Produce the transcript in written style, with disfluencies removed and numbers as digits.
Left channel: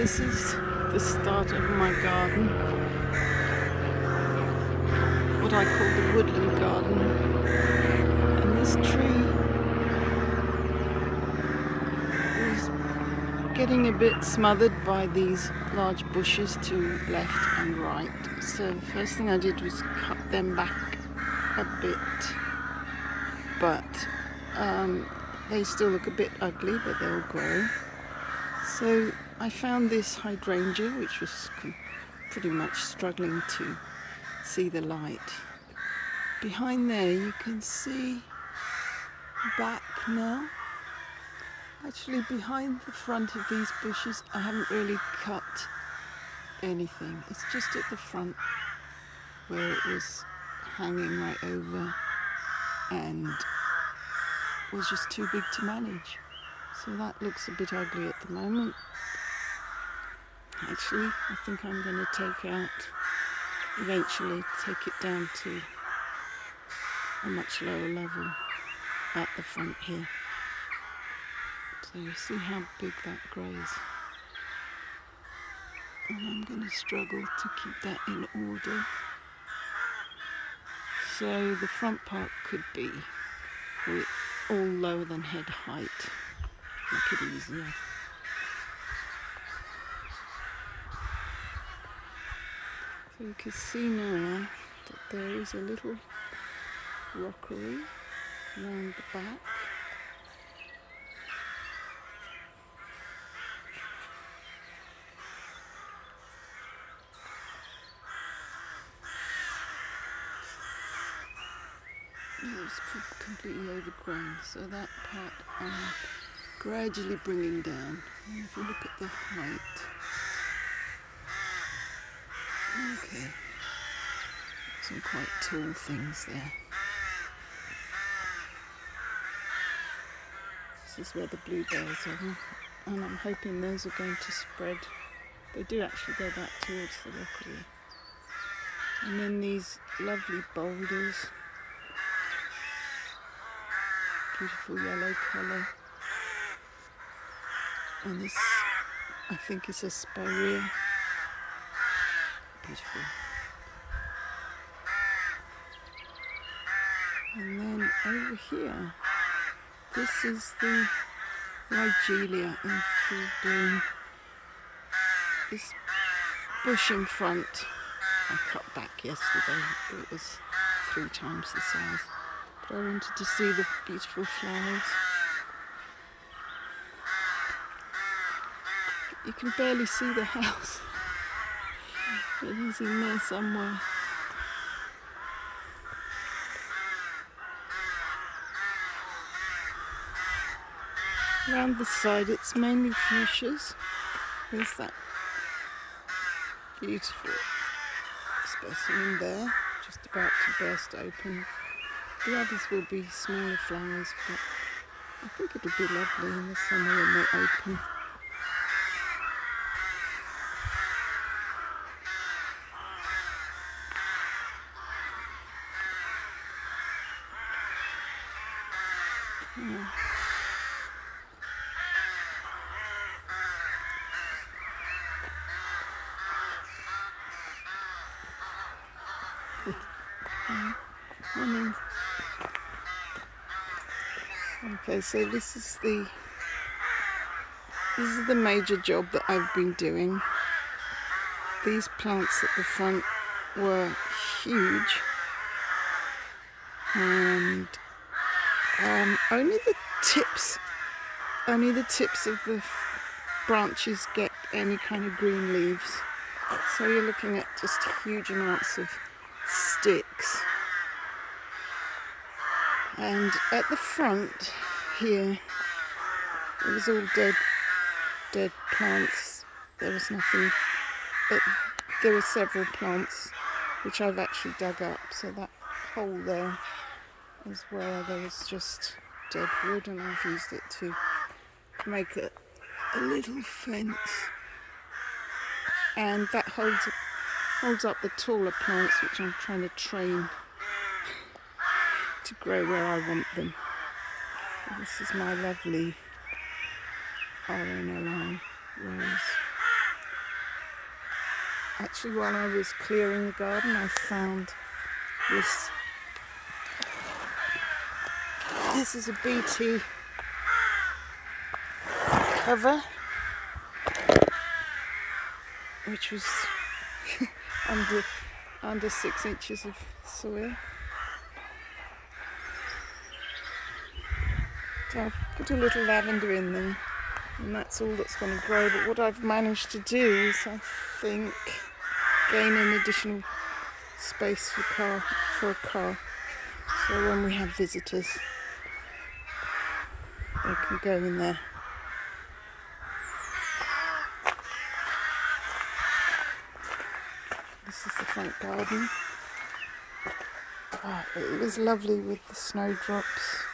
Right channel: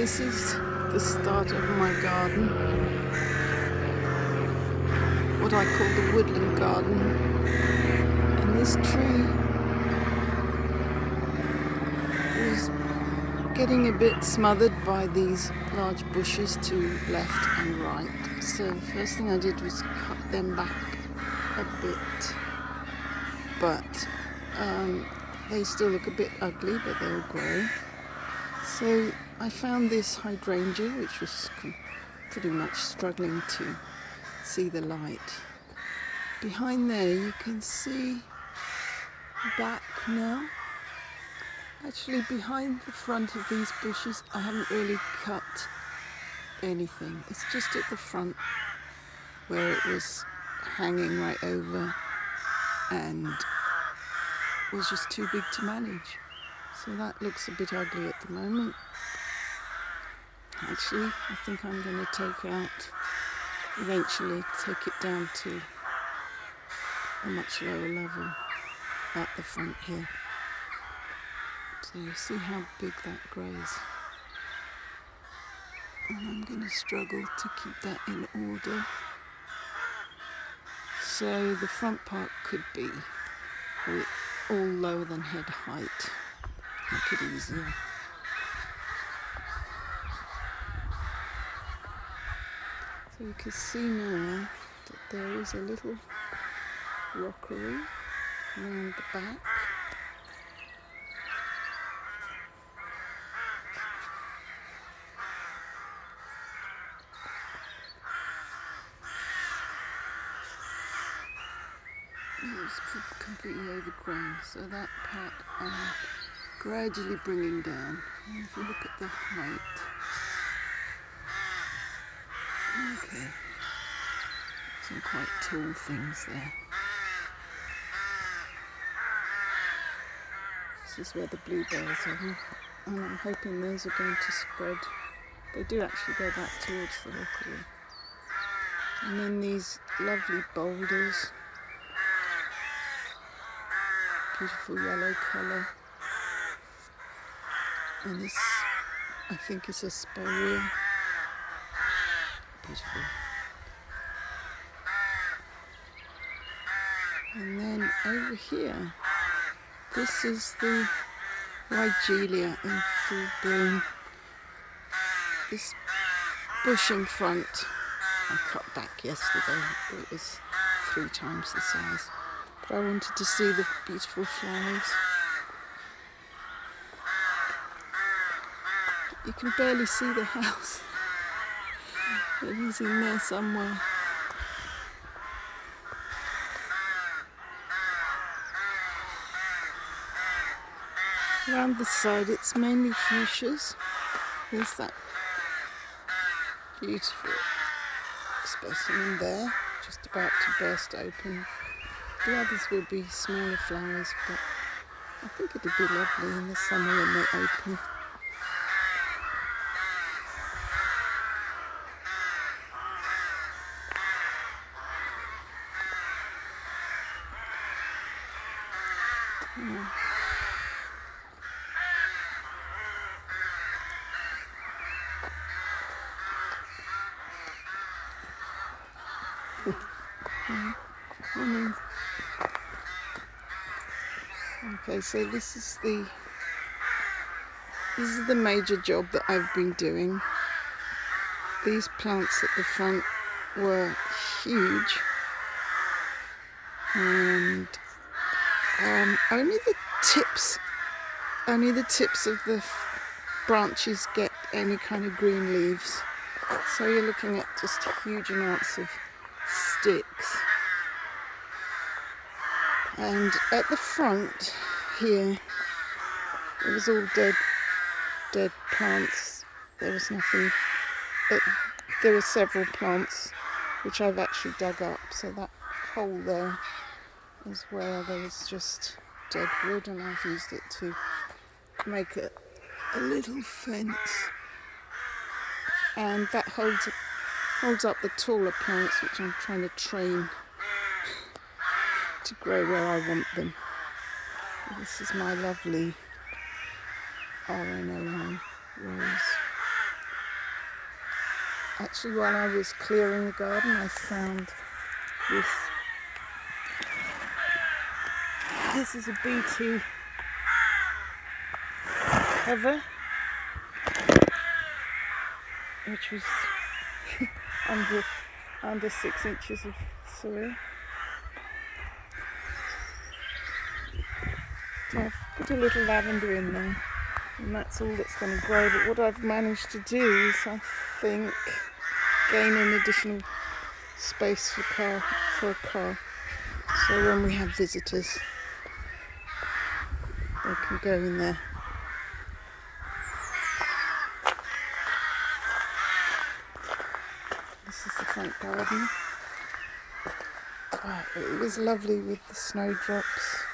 This is the start of my garden, what I call the Woodland garden. And this tree was getting a bit smothered by these large bushes to left and right. So the first thing I did was cut them back a bit, but they still look a bit ugly, but they'll grow. So I found this hydrangea, which was pretty much struggling to see the light. Behind there you can see back now. Actually, behind the front of these bushes I haven't really cut anything. It's just at the front where it was hanging right over and was just too big to manage. So that looks a bit ugly at the moment. Actually, I think I'm going to eventually take it down to a much lower level at the front here. So you see how big that grows. And I'm going to struggle to keep that in order. So the front part could be with all lower than head height, make it easier. So you can see now that there is a little rockery around the back. It's completely overgrown, so that part I'm gradually bringing down. And if you look at the height, okay, some quite tall things there. This is where the bluebells are, and I'm hoping those are going to spread. They do actually go back towards the rockery. And then these lovely boulders, beautiful yellow colour. And this, I think, is a spirea. Beautiful. And then over here, this is the Wigelia in full bloom. This bush in front, I cut back yesterday. It was 3 times the size. But I wanted to see the beautiful flowers. You can barely see the house. It is in there somewhere. Around the side it's mainly fuchsias. There's that beautiful specimen there, just about to burst open. The others will be smaller flowers, but I think it'll be lovely in the summer when they open. Yeah. Morning. Okay, so this is the major job that I've been doing. These plants at the front were huge, and only the tips of the branches get any kind of green leaves. So you're looking at just huge amounts of sticks. And at the front here, it was all dead plants. There was nothing. There were several plants which I've actually dug up. So that hole there is where there was just dead wood, and I've used it to make a little fence. And that holds up the taller plants, which I'm trying to train to grow where I want them. This is my lovely RNLI rose. Actually, while I was clearing the garden, I found this. This is a BT cover, which was under 6 inches of soil. So I've put a little lavender in there, and that's all that's going to grow. But what I've managed to do is, I think, gain an additional space for a car. So when we have visitors, they can go in there. This is the front garden. Oh, it was lovely with the snowdrops.